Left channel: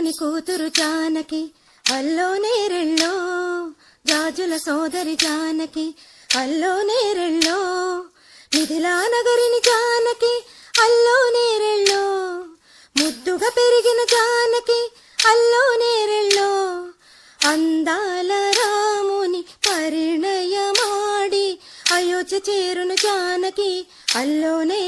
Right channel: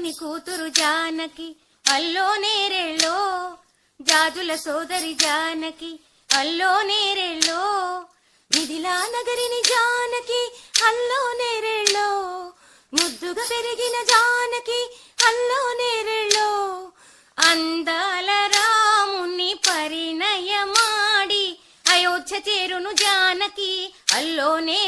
జనకుని కూతురు జానకి అల్లో నేరెళ్ళో, జాజుల సోదరి జానకి అల్లో నేరెళ్ళో, మిథిలా నగరిని జానకి అల్లో నేరెళ్ళో, ముద్దుగా పెరిగిన జానకి అల్లో నేరెళ్ళో, అందాల రాముని పరిణయమాడి అయోధ్య చేరును జానకి అల్లోనే